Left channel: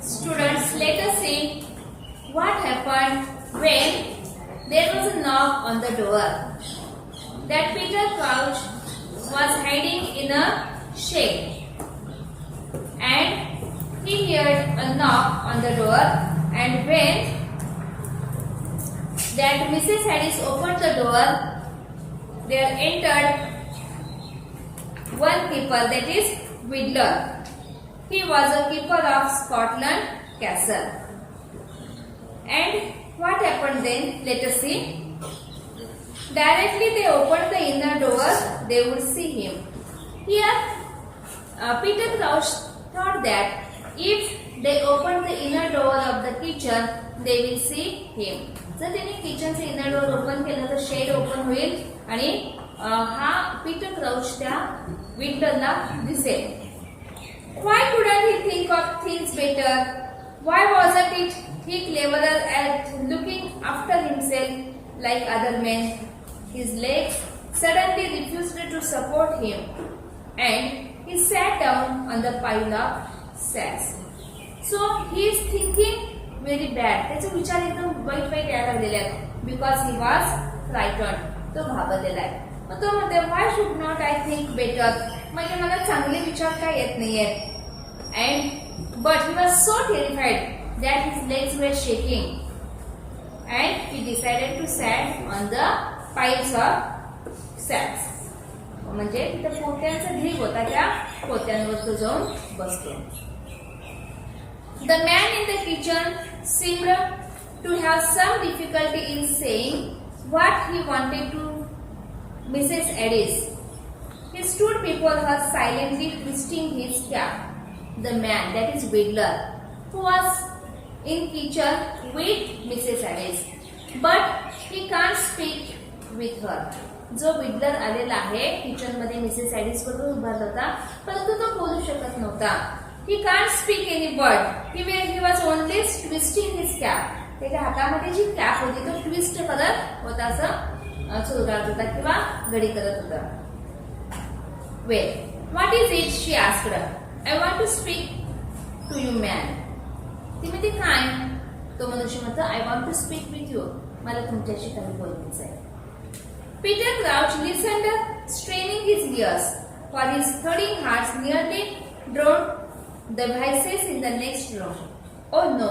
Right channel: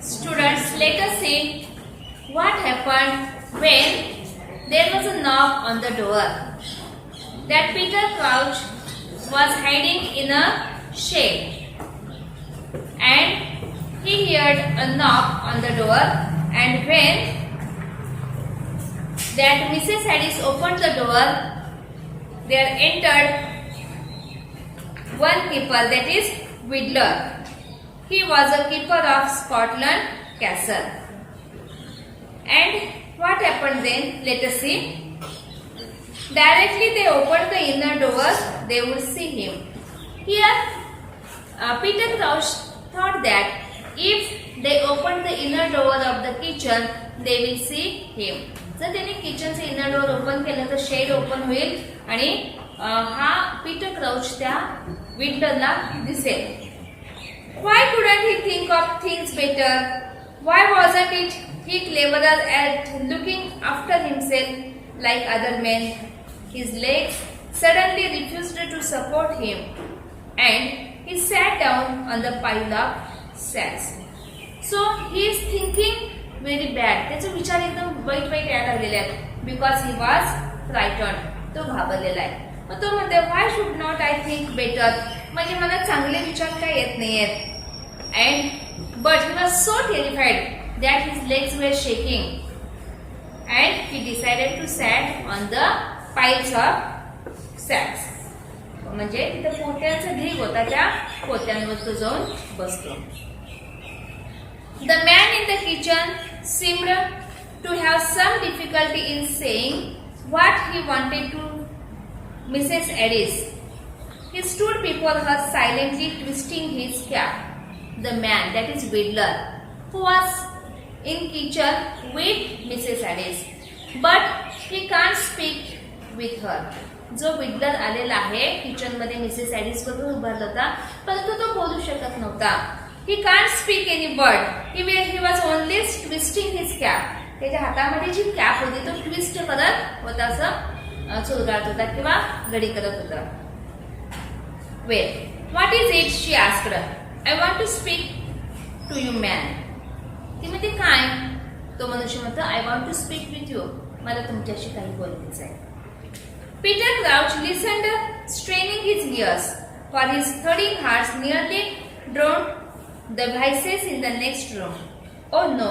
Students, let us see what happened when there was a knock on the door. That Peter Crouch was hiding in a shed, and he heard a knock on the door, and when that Mrs. Harris opened the door, there entered one keeper, that is Whittler. He was a keeper of Scotland Castle. And what happened then? Let us see. Directly they opened the inner door, they would see him. Here, Peter Crouch thought that if they opened the inner door of the kitchen, they will see him. जर त्यांनी किचनचे inner door open केलं तर shade open होईल आणि हा Peter crouch त्या विंडोला दिसेल. Why couldn't he think of things better? Why wasn't he cleverer at looking after himself like other men? His legs suddenly refused to support him, and he sat down on the pile of sacks. So he is thinking very bad. त्याचे विचार एकदम वाईट वाईट यायला लागलेले आहेत. Because he was frightened. तो घाबरलेला आहे. मग तो म्हणतो, why should not I think better? म्हणजे मला चांगले विचार काय येत नाहीयेत. And but he was so terrified that his legs were shaking, and he decided to sit on the piles of sacks. म्हणजे तिथे पोत्यांचा ढीग होता, त्या पोत्यांवर तो जाऊन बसतो. The man in the kitchen seemed to have some difficulty in saying what he wanted to Mrs. Addis. He stood before her silently twisting his cap. The man, that is Whittler, who was in kitchen with Mrs. Addis, but he can't speak with her. जो Whittler आलेला आहे kitchen मध्ये Mrs ॲडिस बरोबर उभारला होता, परंतु तो बोलू शकत नव्हता. He can't speak any word. He was only twisting his cap. त्याच्या हातामध्ये जी कॅप होती तो ट्विस्ट करत होता, असं चुरगाळत होता किंवा घडी करत होता. Well, what is it? She asked. I want to speak to you, man. ती म्हणते काय? तो मनुष्य म्हणतो, I want to speak with you. मला तुमच्याशी काही बोलायचं आहे. Peter Crouch listened, straining his ears, for his thudding heart nearly drowned the voices in the next room. Oh no,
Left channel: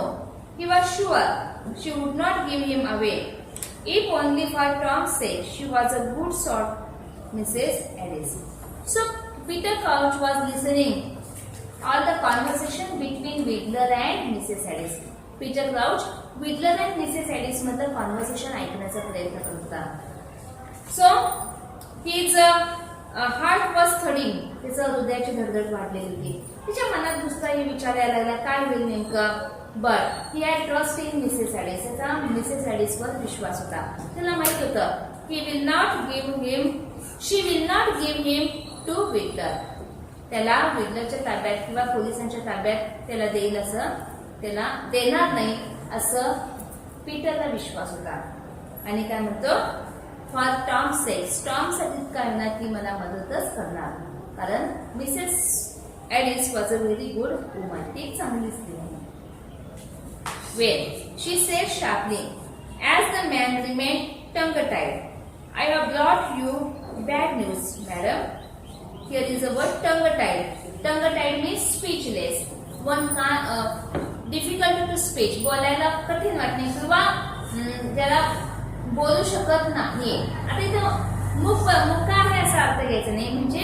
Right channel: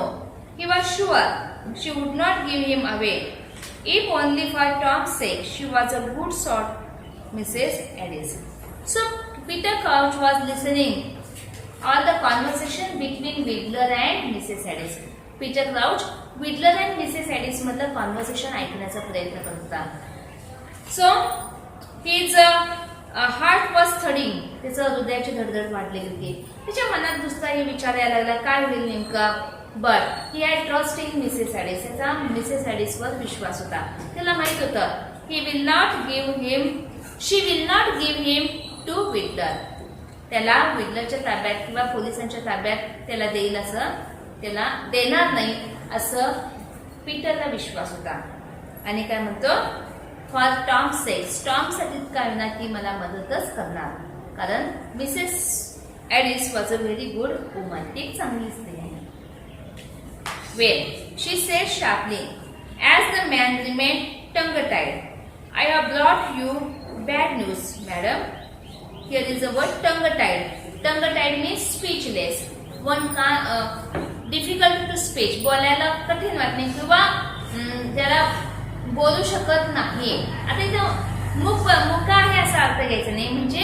he was sure she would not give him away. If only for Tom's sake, she was a good sort, Mrs. Addis. So Peter Crouch was listening all the conversation between Whittler and Mrs. Addis. Peter Crouch, Whittler and Mrs. Addis मधलं conversation ऐकण्याचा प्रयत्न करत होता. So his heart was thudding. त्याचं हृदयाची धडधड वाढलेली होती. त्याच्या मनात दुसराही विचार यायला लागला, काय होईल नेमकं. But he had trust in Mrs Addis. त्याचा मिसेस ॲडिसवर विश्वास होता. त्याला माहित होतं she will not give him to Victor. त्याला विक्टरच्या ताब्यात किंवा पोलिसांच्या ताब्यात त्याला देईल असं, त्याला देणार नाही असं पीटरला विश्वास होता. आणि काय म्हणतो, फॉर टॉम सेक्स, टॉम साठी काय ना ती मला मदतच करणार, कारण Mrs Addis was a very good woman. ती एक चांगली स्त्री आहे. Well, she said sharply as the man remained tongue tied. I have brought you bad news madam. Here is a word tongue tied. Tongue tied means speechless. One difficult to speech, बोलायला कठीण वाटणे किंवा ज्याला बोलू शकत नाही. आता इथं मुका आहे असा अर्थ घ्यायचा नाही, म्हणजे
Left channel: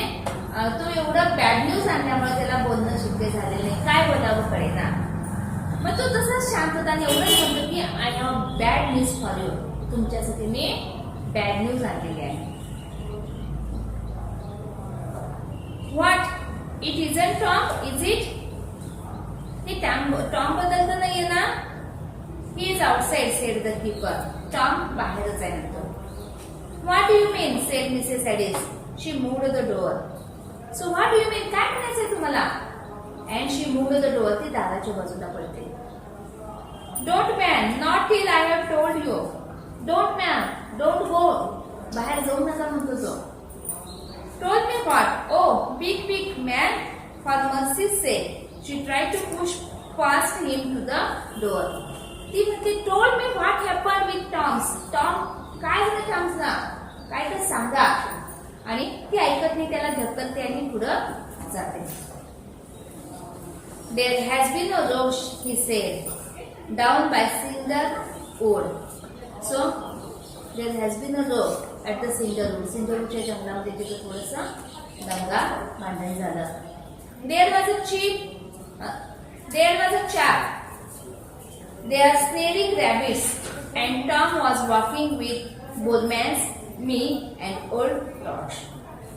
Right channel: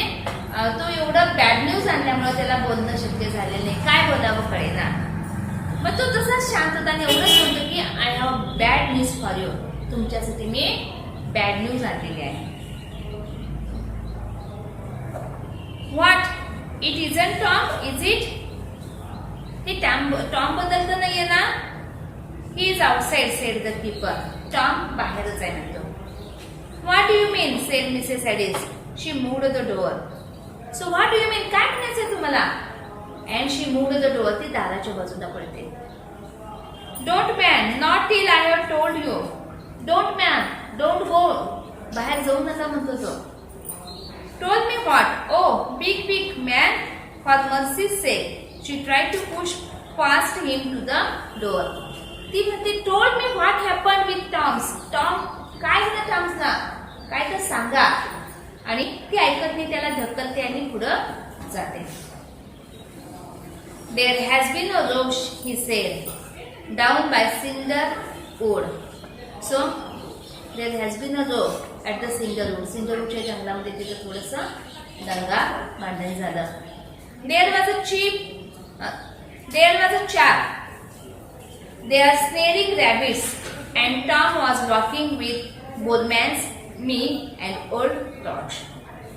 तो एवढं बॅड न्यूज आणल्यामुळे त्याला बोलणं शक्य झालेलं नाही, काय बोलावं कळेना. मग तो तसाच शांतताने एवढंच म्हणतो की I have bad news for you. तुमच्यासाठी मी बॅड न्यूज आणलेली आहे. What, it isn't Tom is it. हे टॉम बद्दल तर नाहीये ना. He is outside said the keeper. Tom बाहेरच आहे म्हणतो. What do you mean said Mrs Addis. She moved the door. So what do you mean, काय म्हणायचंय तुम्हाला. And she moved the door. ती दाराच्या बाजूला पडते. Don't man, not till I have told you. Don't man, don't go. बाहेर जाऊ नका म्हणतो तो. Told me what. Oh big man, for mercy's sake. She tried to push past him to the door. ती म्हणते, told me what happened with Tom. Tom, काय झालं टॉम्सला? काय तर सांगा. आणि ती ऐकत नाही, त्याला ढकलते आणि पुढं जाते. There has been a roach, he said, down by Cinder Wood. So there has been a roach at the Cinder Wood. Cinder Woodच्या जंगलामध्ये तिथे थोडंसं दंगा भांडण झालं. There was a chap. They are snaring rabbits, and Tom was walking with Bullman's, me, and old Lodge.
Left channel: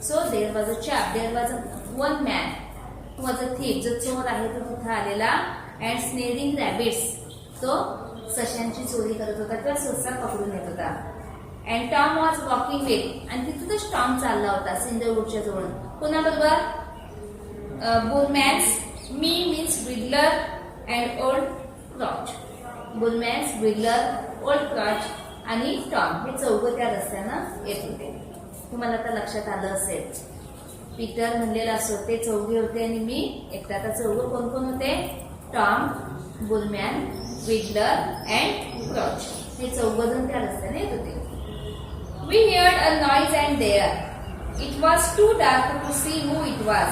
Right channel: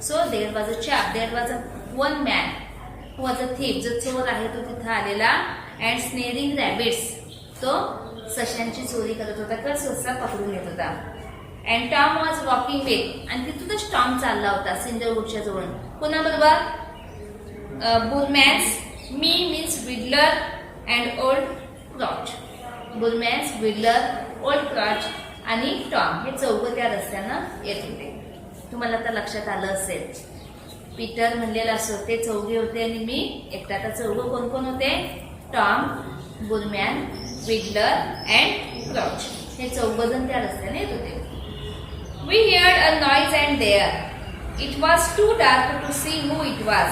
So there was a chap. There was one man who was a thief. जो चोर आहे तो तिथे आलेला, and snaring rabbits. तो सशांची चोरी करत होता किंवा ससा पकडून येत होता. And Tom was walking with, आणि तिथूनच टॉम चालला होता सिंडरवूडच्या जवळ. कोणाबरोबर? Bullman's, me means Whittler, and old Crotch. Bullman's, Whittler, old Crotch आणि टॉम हे चौघं त्या रस्त्यानं येत होते. तुम्हाला आता लक्षात आलं असेल, पीटर म्हणलेला असो ते चौघे होते आणि मी एकटा. आता चौघं कोण कोण होते? Tom, Bulman, Widdler and Crouch. हे चौघं जण त्या रस्त्याने येत होते. We heard a noise and there. It was too dark to see who it was,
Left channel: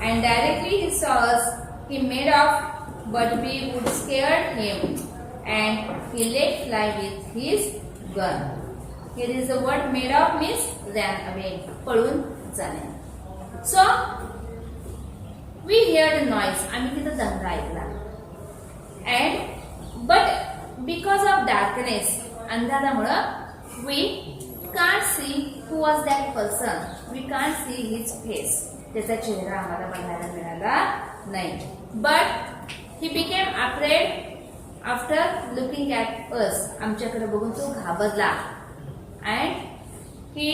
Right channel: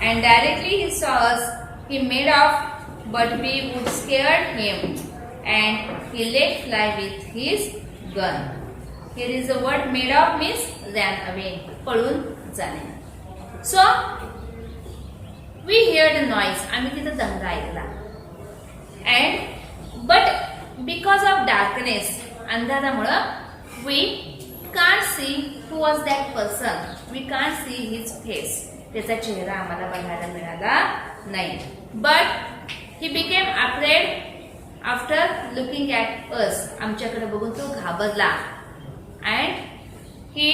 and directly he saw us. He made off, but we would scared him, and he let fly with his gun. Here is the word made off means ran away. पळून जाणे. So we heard a noise. आम्ही तिथे दंगा ऐकला. And but because of darkness, अंधारामुळं we can't see who was that person. We can't see his face. त्याचा चेहरा आम्हाला बघायला मिळाला नाही. But he became afraid after looking at us. आमच्याकडे बघून तो घाबरला. And he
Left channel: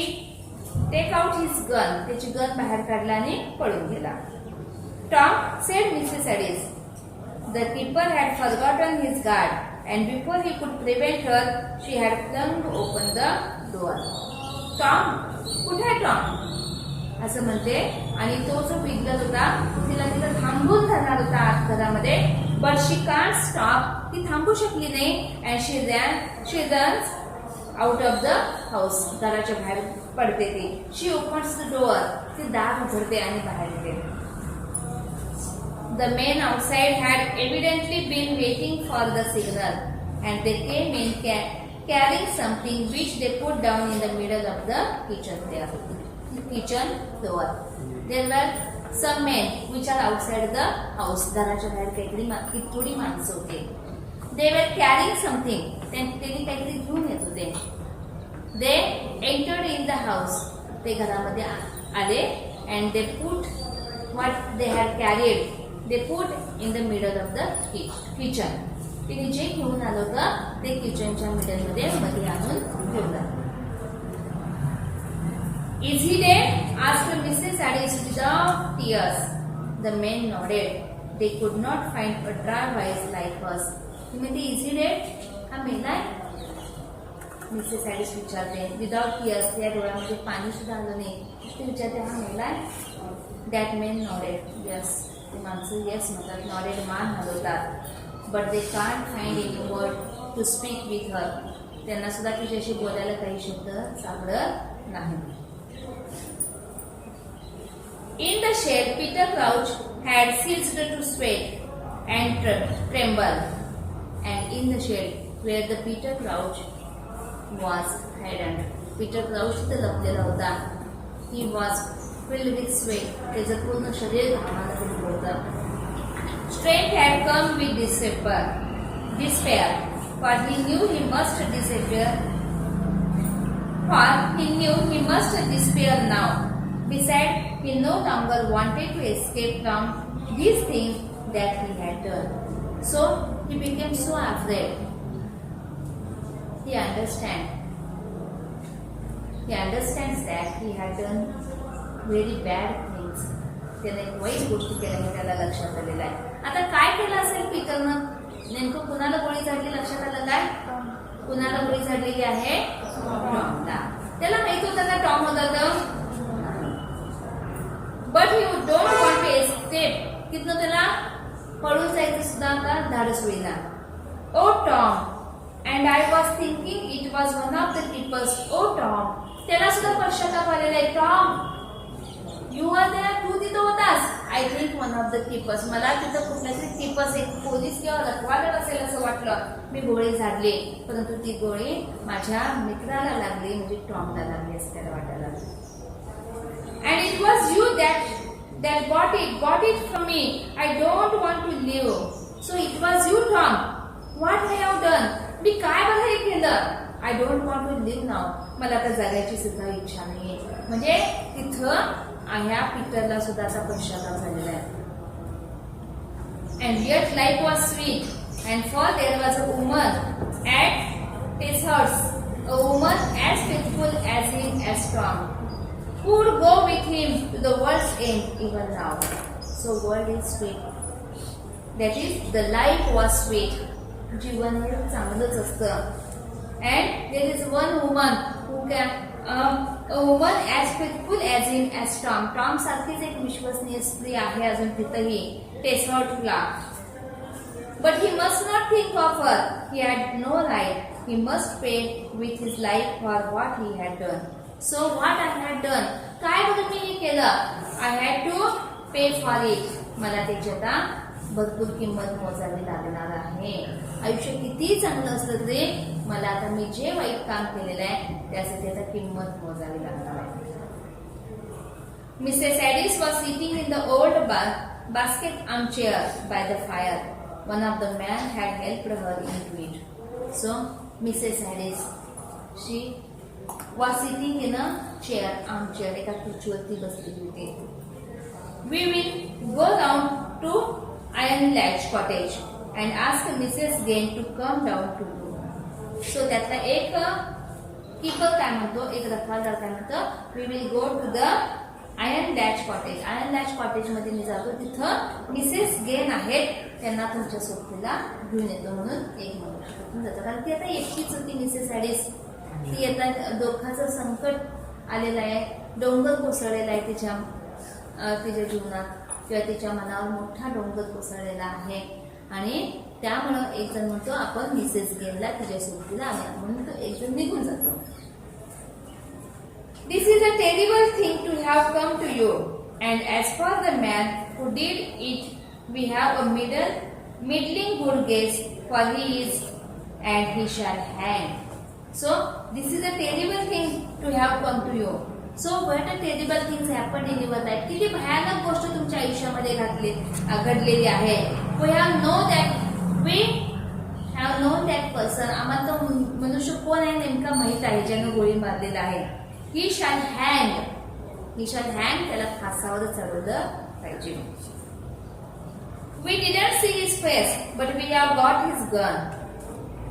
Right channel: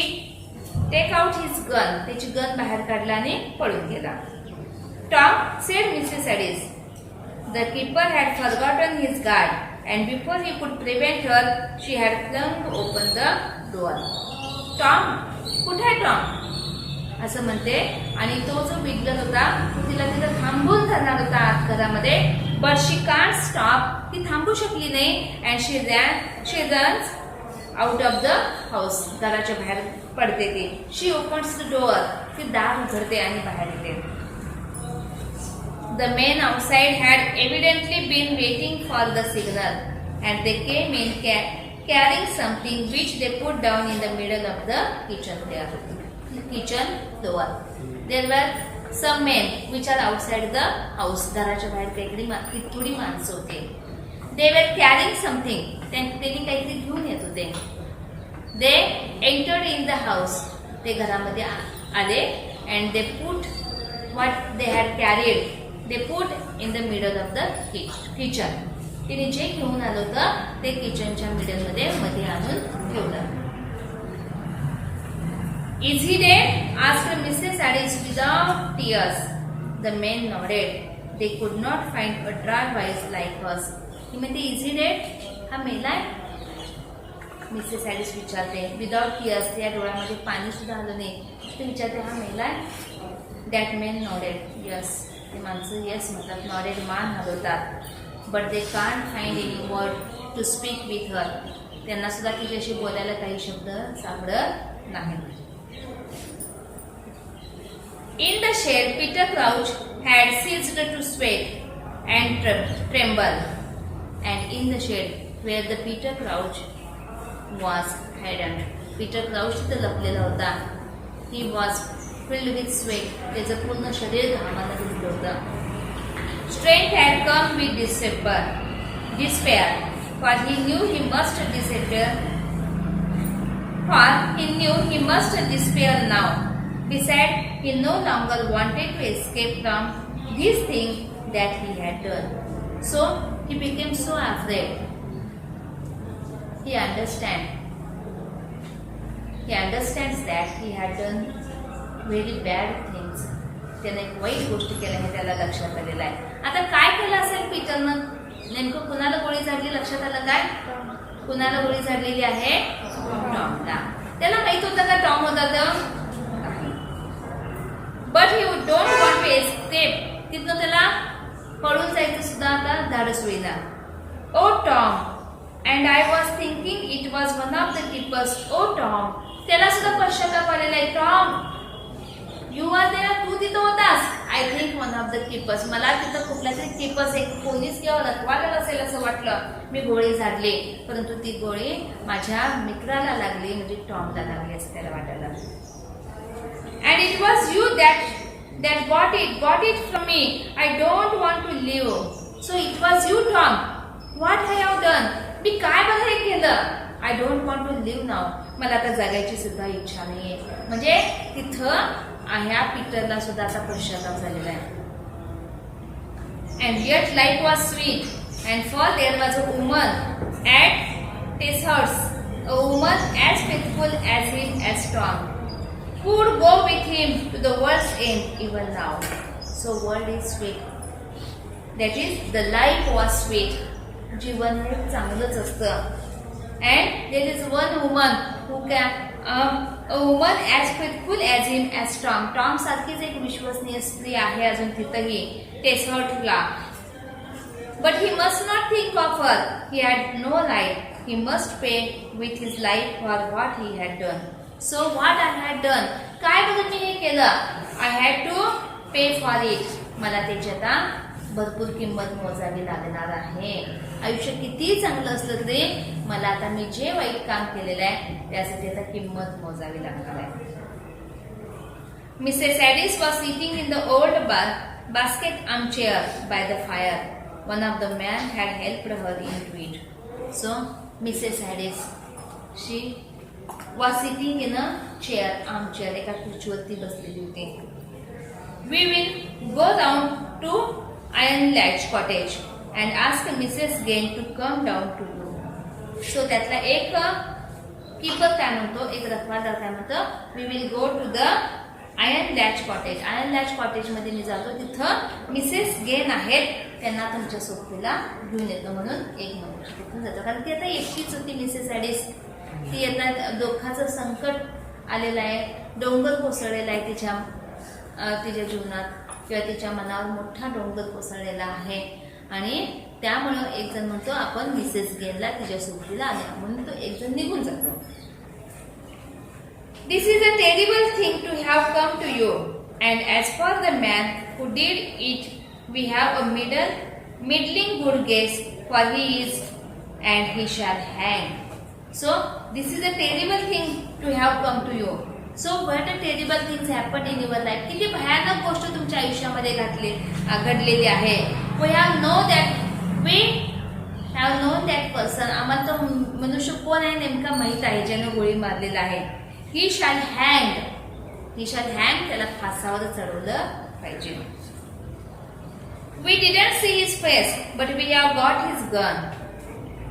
take out his gun. त्याची गन बाहेर काढला आणि पळून गेला. Tom said Mrs. Addis. The keeper had forgotten his guard, and before he could prevent her, she had flung open the door. Tom, कुठे आहे टॉम? असं म्हणते. आणि तो जो बिगलर होता तिला तिथं थांबून धरणार होता आत घरामध्ये. But she can't stop. ती थांबू शकली नाही. And she runs out of the house. घराच्या बाहेर पडते ती. शी ओपन्स द डोअर. ती दार उघडते आणि बाहेर येते. The men outside had evidently been waiting for the signal, and they came in carrying something which they put down in the middle of the kitchen floor. There were some men which are outside the house. घराच्या बाहेर काहीतरी थोडी माणसं होती. They were carrying something. त्यांनी काहीतरी घेऊन येत होते. They entered in the house. ते घरामध्ये आले and they put what they had carried. They put in the middle of the kitchen. तिने जे घेऊन आलं होतं ते किचनच्या मध्ये आणून ठेवलं. Is he dead? asked Mrs. Addis without tears. The men nodded. They could not find a dry voice like us. ती म्हणते, Is he dead? हा मेलाय? मिसेस ॲडिस विचारते. Without tears. त्या डोळ्यामध्ये पाणी सुद्धा आलं नाही. ते विचारते, हा मेलाय? That men nodded. Yes. ते माणसं येस म्हणतात. नॉडेड मान हलवतात. But they can't find any word to speak with her. त्यांना सुद्धा तिच्याशी बोलायला काही शब्द सापडत नाही. In the shed Peter Crouch had ceased to sweat and tremble. And in the shed where the Peter Crouch was hidden. Peter Crouch तिथे लपलेला होता. He was filled with sweat. त्याचं पूर्ण शरीर घामानं भरलं होतं. Strength had come with despair, for he knew he must despair now. Besides, he no longer wanted to escape from this thing that he had done. So he became so afraid. He understands that he had done very bad things. त्याने एक वाईट गोष्टी केल्या हे त्याला लक्षात आलेलं आहे. आता काय केलं असेल पीटरनं? नेमकं कुणाला गोळी झाडली लक्षात आलं काय? कुणाला गोळी झाडलेली आहे? टॉमला. त्याला माहित होतं का टॉम होता तर? But he don't want to escape. तिथनं त्याला Tom. And I was thinking it was one of the keepers. Oh Tom. त्याला सुद्धा पश्चाताप आलेला आहे. Tom, you were there. तू तिथं होतास. I think one of the keepers. मला तिथं कुठल्या तरी keepers एक पोलीस किंवा रखवाला असेल असं वाटलं. मी गोळी झाडली, परंतु ती गोळी माझ्या मित्राला लागली, म्हणजे टॉमला लागली असं त्याला वाटायला. And it was you that got it from me. I don't want to live. So it was you, Tom. What I have done? मी काय बरं हे केलं? I don't want to live now. मला आता जगायची सुद्धा इच्छा नाहीये. म्हणजे तिथं ह्या पीटरला सुद्धा आता पश्चाताप झालेला आहे. And yet life was sweet. And for there was a woman at Ticehurst, a woman as faithful as him as Tom, who would go with him to the world's end even now. So world is sweet. That is, the life was sweet. जीवन हे चांगलंच असतं. And there is one woman who can, a woman as faithful as him as Tom. Tom सारखीच एक विश्वसनीय स्त्री आहे अजून तिथंही टेसहर्स्टला. But he must not think of her. He had no right. He must pay with his life for what he had done. So what I had done? काय बघत मी हे केलं? I had to pay for it. मला त्याची आता भरपूर किंमत मोजावी लागणार आहे. आयुष्य किती चांगलं असलं तरी मला आता मी जे वाईट काम केलेलं आहे त्यासाठी आता किंमत मोजावी लागणार आहे. Mrs. Addis was sitting in the old basket armchair by the fire. One of the men had helped her into it. So Mrs. Addis, she was sitting in a chair, armchair, एका खुर्चीवरती बसलेली होती. We will go down to Iron Latch Cottage and ask Mrs. Gain to come down to you. So त्यातला एक keeper काय म्हणतो, एक रखवालदार काय म्हणतो, we will go to the Iron Latch Cottage. Iron Latch Cottage मध्ये मी जातो, तिथं मिसेस गेन आहेत, त्यांना तुमच्या सोबतीला घेऊन येतो म्हणून एक मनुष्य तिथून जातो. कारण ती आता एकटीच होती मिसेस ॲडिस. ती आता दुःखाचं संकट आलेलं आहे, डोंगर कोसळलेला आहे तिच्या जीवनात, किंवा तिच्या मनावर मोठा डोंगर कोसळलेला आहे. आणि त्यामुळं एक जण म्हणतो आपण मिसेस गेनला तिच्या सोबतीला आल्या, म्हणून तो एक जण निघून जातो. This is a terrible thing to have come to you, and as for the man who did it, we have a middling good guess, for he is, and he shall hang. So this is a terrible thing to have come to you. So what a terrible things happened in your life. किती भयानक गोष्ट तुमच्या आयुष्यामध्ये घडलेली आहे. We have known that person. आम्हाला तो मनुष्य कोण आहे नेमका माहित आहे, ज्याने गोळी मारलेला आहे. He shall hang. त्याला फासावर चढवलं पाहिजे. We didn't see his face, but we have got his gun.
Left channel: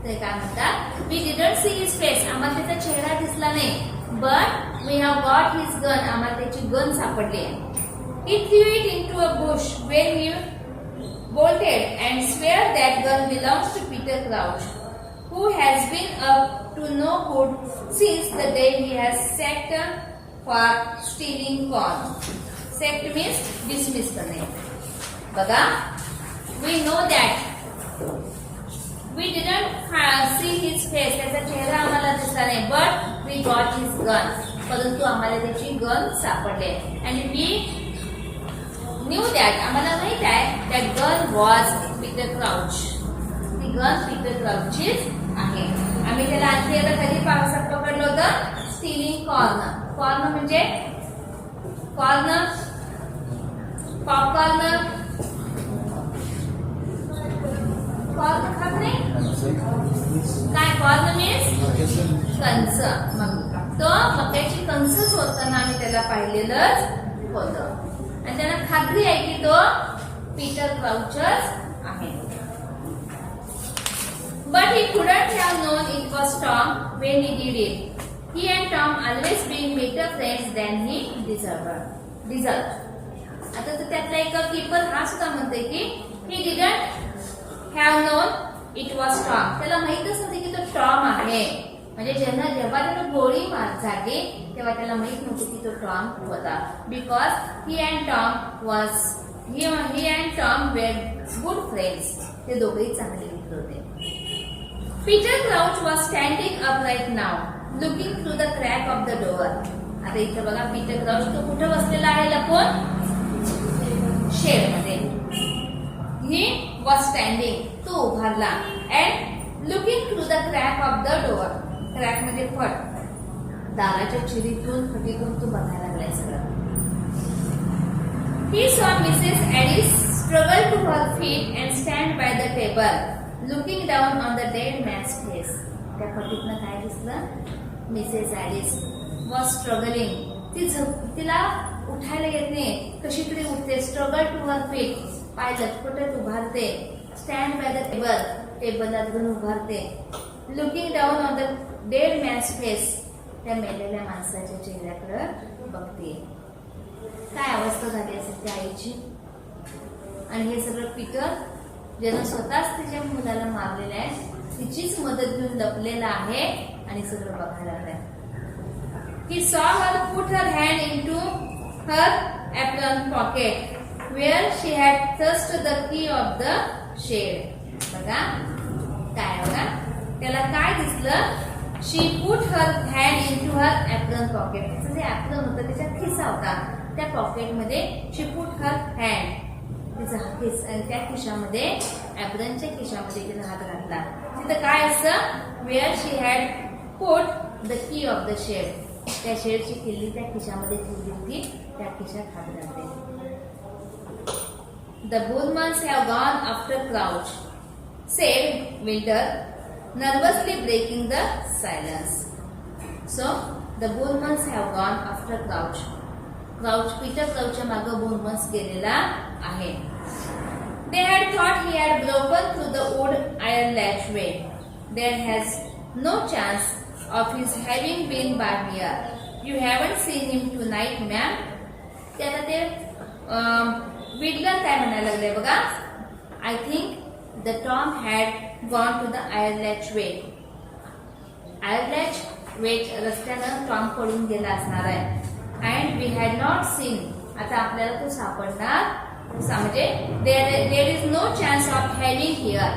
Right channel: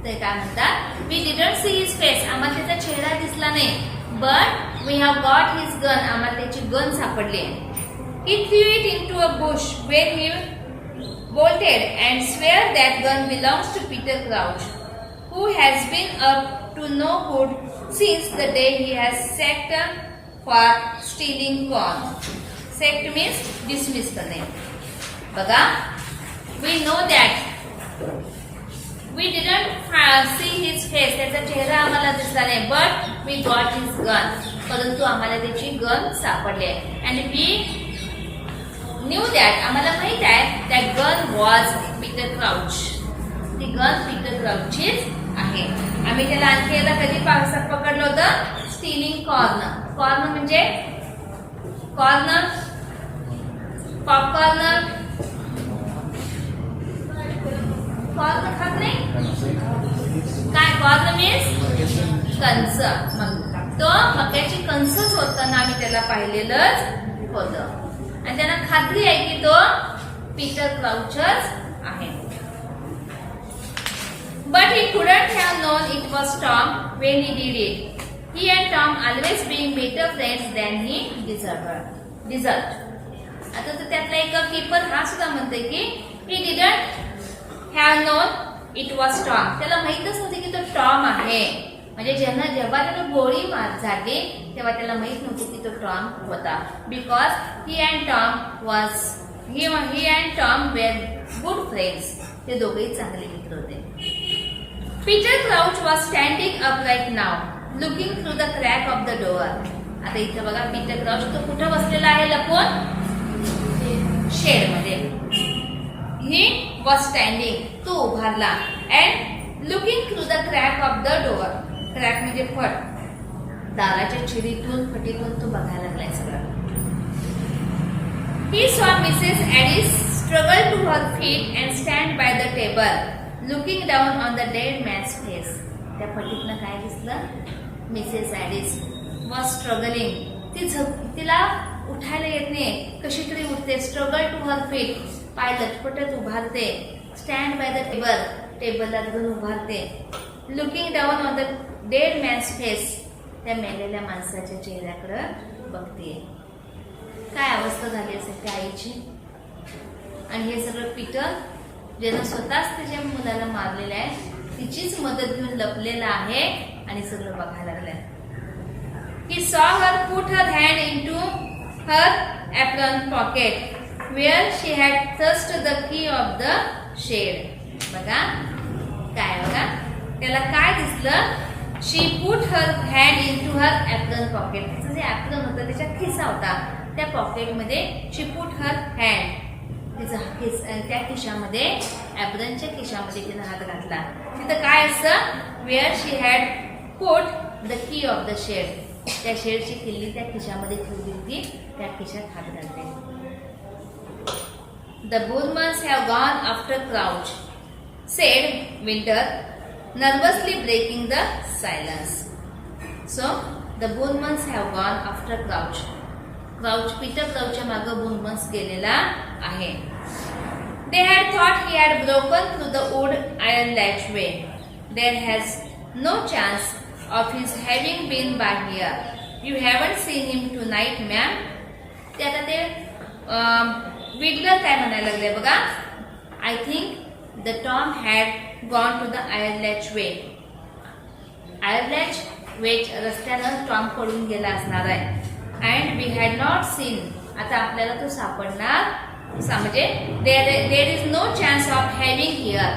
ते काय म्हणतात, we didn't see his face. आम्हाला त्याचा चेहरा दिसला नाही, but we have got his gun. आम्हाला त्याची गन सापडली. He threw it into a bush where he bolted and swore that gun belongs to Peter Crouch, who has been up to no good since the day he has sacked for stealing corn. Sacked means dismiss करणे. बघा, we know that we didn't see his face. त्याचा चेहरा आम्हाला दिसला नाही, but we got his gun. परंतु आम्हाला त्याची गन सापडली. And we knew that, आम्हाला माहित आहे, that gun was Peter Crouch. ती गन पीटर क्राउचचीच आहे. आम्ही त्याला आणखी एकदा कधी पकडलं होतं, स्टीलिंग कॉर्न. कॉर्न म्हणजे कॉर्न, पॉपकॉर्न, कॉर्न खात नाही काय, कॉर्न मीन्स कंस. मग तो मक्याची कंसच होताना आम्ही त्याला पाहिलेलंच होतं, आणि त्यांना खात्री आहे की तो पीटर क्राउचच आहे. But he couldn't have known it was Tom when he did it. He and Tom always being better friends than he deserved. आता तर त्यातला एक कीपर हा सुद्धा म्हणतोय की he didn't have known it was Tom. त्याला माहितच नव्हते की तो टॉम आहे. म्हणजे जेव्हा त्याला गोळी झाली तेव्हा त्याला माहित नव्हती की तो टॉम होता. Because he and Tom were good friends. ते दोघेही चांगले मित्र होते. Peter Crouch was standing upright now, looking through the crack of the door. आता इथं बघा पीटर क्राउच तो कुठं बसलेला आहे लपून? शेड मध्ये. He was standing, तो उभारला, and looking through the crack of the door. Crack म्हणजे फट. दाराच्या चिरीतून फटीतून तो बघायला लागलाय सगळं. He saw Mrs. Addis struggle to her feet and stand by the table, looking down on the dead man's face. त्या फटीतनं काय दिसलं? Mrs Addis was struggling. तिला उठायला येत नाही, कशी तरी उठते. स्ट्रगल टू हर फीट, पाय लटपटत उभारते. स्टँड बाय द टेबल, टेबलला धरून उभारते. Looking down on the dead man's face, त्या मेलेल्या माणसाच्या चेहऱ्याकडे बघते. काय अवस्था झाली असेल त्या आईची. आणि हे सगळं पीटर ज्यानं स्वतःच तिच्या मुलाला मारलेलं आहे, तिचीच मदत घेऊन लपलेला आहे आणि सगळं बघायला लागलंय. He saw her put her hand into her apron pocket where she had thrust the key of the shed. बघा काय बघा त्याला काय दिसलं? She put her hand into her apron pocket. तिचं जे apron होतं त्याच्यात खिसा होता, त्या पॉकेट मध्ये she put her hand. तिचा त्या खिशामध्ये, ॲप्रनच्या खिशामध्ये तिने हात घातला. तिथं काय असतं? Where she had put the key of the shed. त्या शेडची किल्ली त्या खिशामध्ये ठेवली होती, त्या खिशात हात घालते. The Bullmans have gone after Crouch, said Winter, nervously breaking the silence. So the Bullmans have gone after Crouch. Peter क्राउचच्या मागे बुलमन्स गेलेला आहे. They had thought he had broken through the wood iron latchway. There has no chance of his having been by here. You haven't seen him tonight, ma'am. त्याला ते विडलर काय म्हणायला लागले बघा. I think the Tom had gone to the iron latchway. Iron latchway रस्त्यानं Tom पडून गेला असणार आहे. And we had not seen. आता आपल्याला तो सापडणार म्हणजे there is no chance of having here.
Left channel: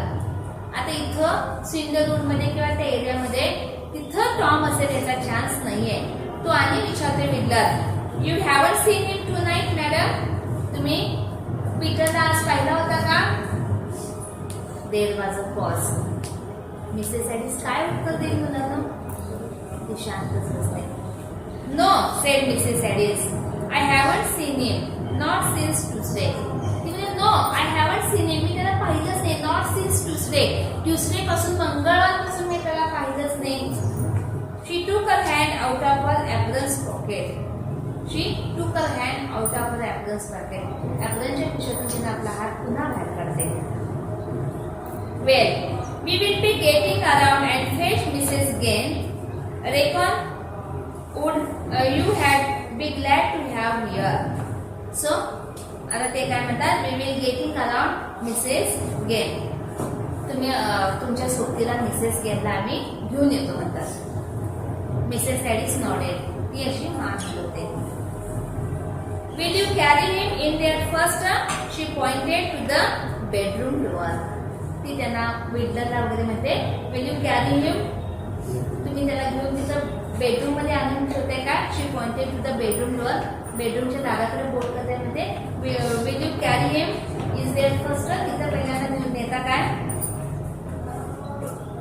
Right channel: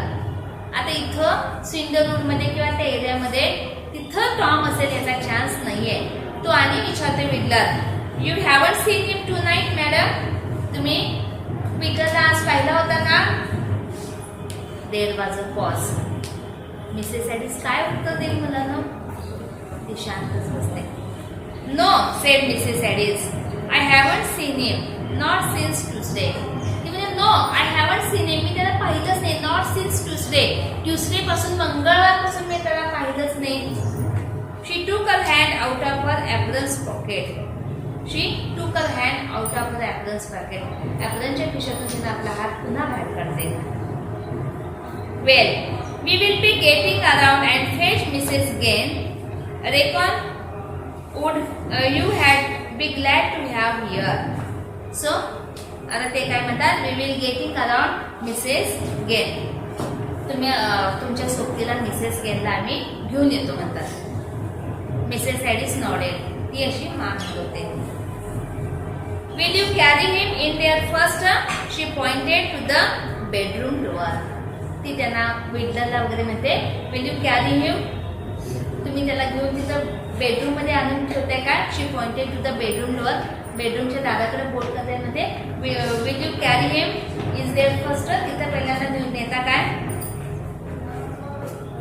आता इथं सिंडरवूड मध्ये किंवा त्या एरियामध्ये तिथं टॉम असेल याचा चान्स नाहीये. तो आणि विचारते Widdler, you haven't seen him tonight madam. तुम्ही पीटरला आज पाहिला होता का? There was a pause. Mrs Addis काय उत्तर देईल मला ना? ती शांतच बसते. No said Mrs Addis, I haven't seen him not since Tuesday. ती म्हणजे no I haven't seen him, मी त्याला पाहिलंच नाही. नॉट सिन्स ट्यूसडे, ट्यूसडे पासून मंगळवारपासून मी त्याला पाहिलंच नाही. She took her hand out of her apron's pocket. She took her hand out of her apron's pocket. apronच्या खिशातून तिने आपला हात पुन्हा बाहेर काढते. Well, we will be getting around and fetch Mrs. Gain. Reckon would you had be glad to have here. So, आता ते काय म्हणतात? We will getting around Mrs. Gain. तुम्ही तुमच्या सोबतीला मिसेस गेनला आम्ही घेऊन येतो म्हणतात. मिसेस ॲडिस नॉडेड, ती अशी मान हलवते. Will you carry him in there first? She pointed to the bedroom door. ती त्यांना विडलरला वगैरे म्हणते, विल यू कॅरी हिम? तुम्ही त्याला घेऊन तिथं बेडरूम मध्ये आणून ठेवते का? She pointed to the bedroom door. बेडरूमच्या दाराकडे बोट करते म्हणते, will you carry him is there first? तिथं पहिल्यांदा घेऊन येता काय?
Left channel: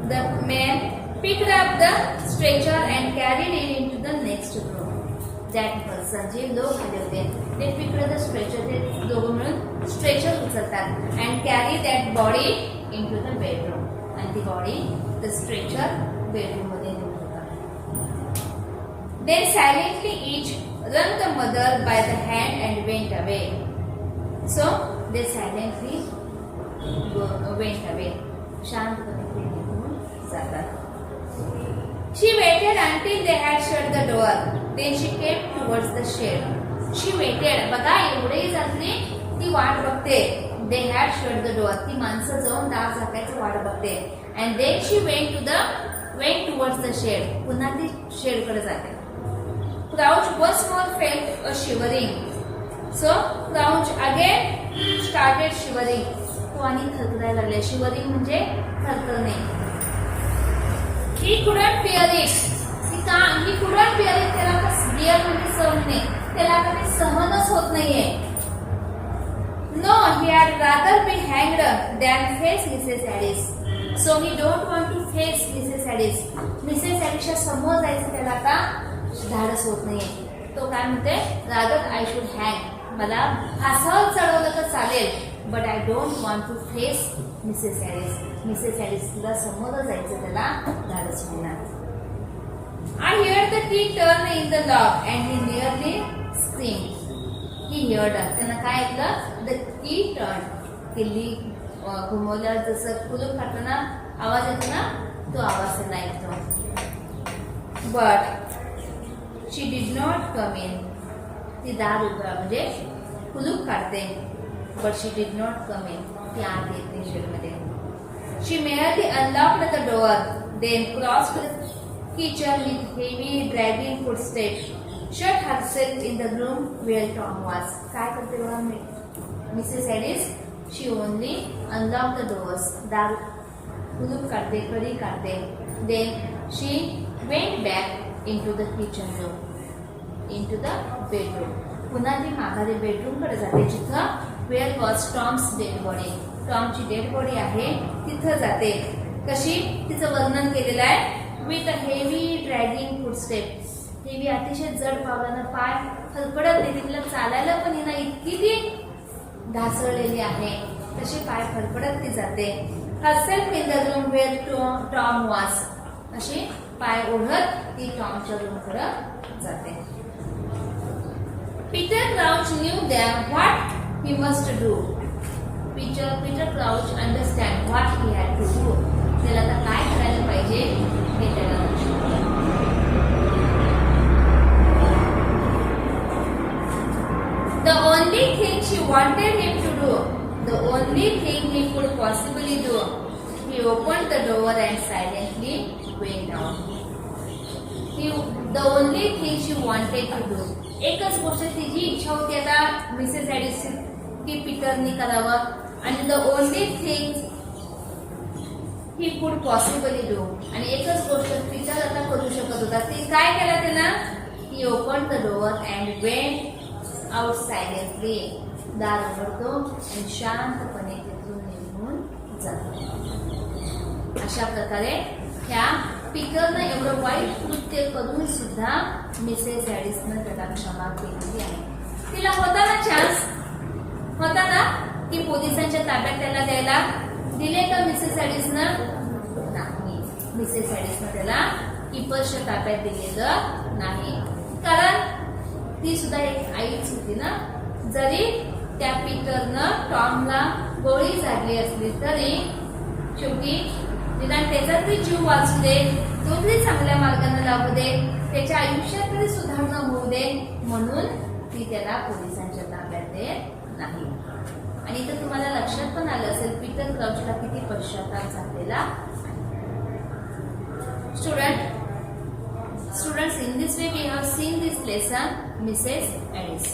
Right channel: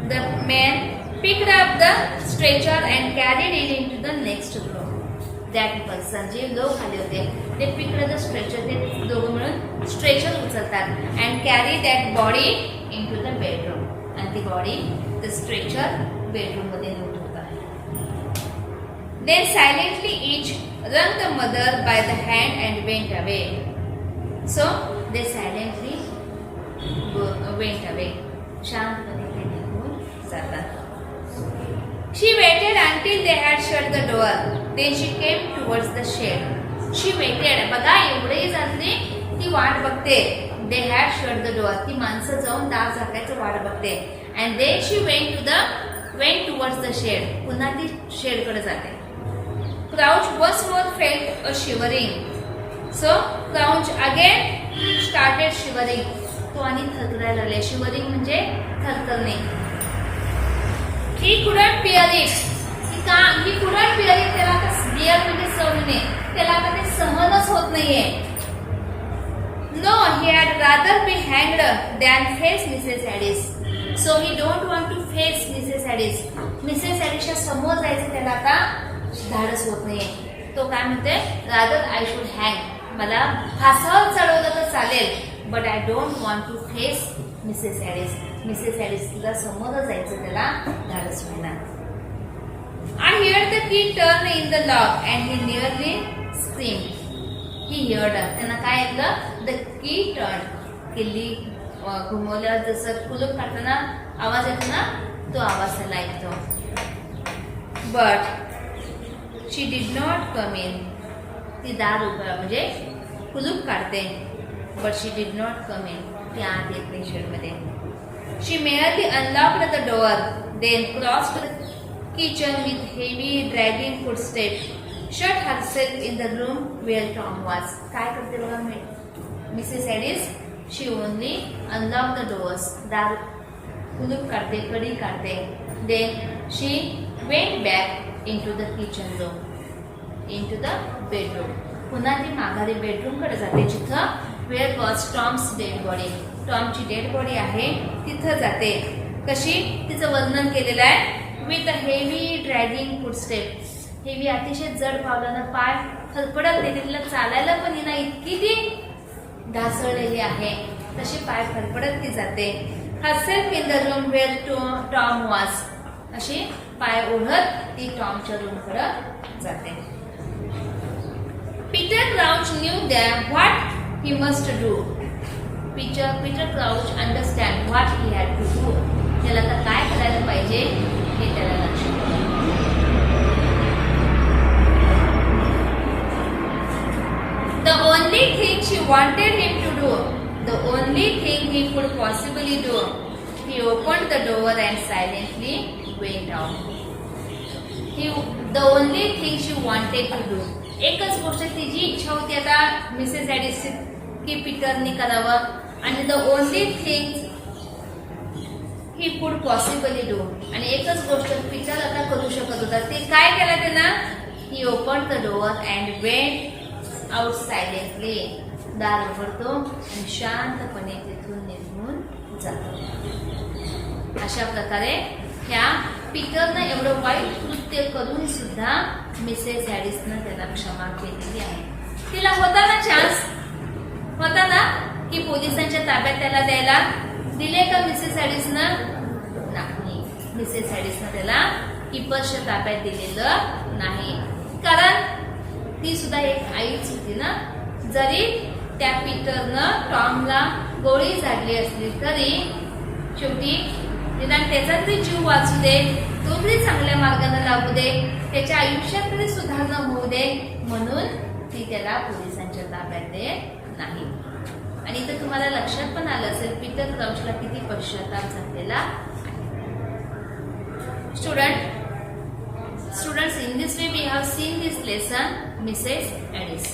The man picked up the stretcher and carried it into the next room. That person, जे लोक आले होते, they picked up the stretcher. ते दोघं मिळून स्ट्रेचर उचलतात and carry that body into the bedroom. आणि ती बॉडी the stretcher bedroom मध्ये नेऊन ठेवतात. Then silently each wrung the mother by the hand and went away. So they silently went away. शांतपणे ते निघून जातात. She waited until they had shut the door. Then she came towards the shed. She waited. बघा एवढेही झाले ती वाट बघते. They had shut the door. ती माणसं जाऊन दार झाकायचं वाट बघते. And then she went towards the shed. पुन्हा ती शेड कडे जाते. Crouch once more felt a shivering. So Crouch again started shivering. तो आणि थरथरायला लागले. शिवरिंग म्हणजे थरथरणे. He couldn't bear it. He couldn't bear it. त्याला आता bear म्हणजे सहने. त्याला आता ते सहनच होत नाहीये. No, he had rather be hanged than face Mrs. Addis. So he don't want to face Mrs. Addis. Mrs. Addisच्या समोर जायचं त्याला आता धाडस होत नाहीये. तो काय म्हणते, rather I should hang. मला फासावर चढवलं तर चालेल, but I don't want to face Mrs. Addis. Mrs. Addisला समोर जायचं त्याला धाडस होईना. And here the key turned in the lock and he nearly screamed. He heard. त्यांना काय ऐकलं? The key turned. किल्ली घुमवल्यावर जसं कुलूप काढताना आवाज येतो ना, तो आवाज त्याला ऐकतो. But she did not come in. ती दार उघडा म्हणजे कुलूप काढते. But she did not come in. ती आत येत नाही शेडमध्ये. She merely unlocked the door, then crossed the kitchen with heavy dragging footsteps. Shut herself in the room where Tom was. काय करते बघा Mrs ॲडिस? She only unlocked the doors. दार कुलूप काढते, कडी काढते. Then she went back into the kitchen room, into the bedroom. पुन्हा ती माघारी बेडरूम कडे जाते, जिथं where was Tom's dead body. टॉमची डेड बॉडी आहे तिथं जाते. कशी? तिचं वर्णन केलेलं आहे. With a heavy dragging footsteps. Heavy अतिशय जड पावलानं पाय फडफडत नाही, तिला चालायला पण येईना, इतकी ती ढासळलेली आहे. तशी पाय फडफडत ती जाते. herself in the room where Tom was. अशी पाय ओढत ती टॉमच्या रूम कडे जाते. Peter Crouch knew that what he must do. Peter Crouch understand what he had to do. त्याला आता काय करायला पाहिजे हे त्याला लक्षात आलं. The only thing she wanted him to do, the only thing he could possibly do, he opened the door and silently went out. The only thing she wanted to do. एकच गोष्ट तिची इच्छा होती आता मिसेस ॲडिस की पीटरनी करावं, आणि the only thing he could possibly do. आणि एकच गोष्ट पीटर आता करू शकत होता. ते काय केलं त्यानं? He opened the door and went out silently. दार उघडतो आणि शांतपणे तिथून निघून जातो. अशा प्रकारे ह्या पीटरनं एवढं वाईट कृत्य करून सुद्धा मिसेस ॲडिसनं त्याला क्षमा केलेली आहे. तिला होता ना चान्स, होता ना की पोलिसांच्या ताब्यात त्याला द्यायला, दिले का मिसेस ॲडिसनं? नाही. मिसेस ॲडिसनं त्याला कीपर्सच्या ताब्यात दिलेलं नाही, कारण ती सुद्धा एक आईच होती ना. जरी त्या पीटरनं टॉमला गोळी झाडली असली तरी शेवटी निदान त्याचा तरी जीव वाचू दे, तो तरी चांगल्या मार्गाने लागू दे, त्याच्या आयुष्यात तरी सुधारणा होऊ दे, म्हणून ती त्याला पोलिसांच्या ताब्यात देत नाही. आणि इथं तुम्हाला लक्षात पण आलं असेल पीटर क्राउचला किती पश्चाताप झालेला. Students, in this way we have seen this lesson, Mrs. Addis.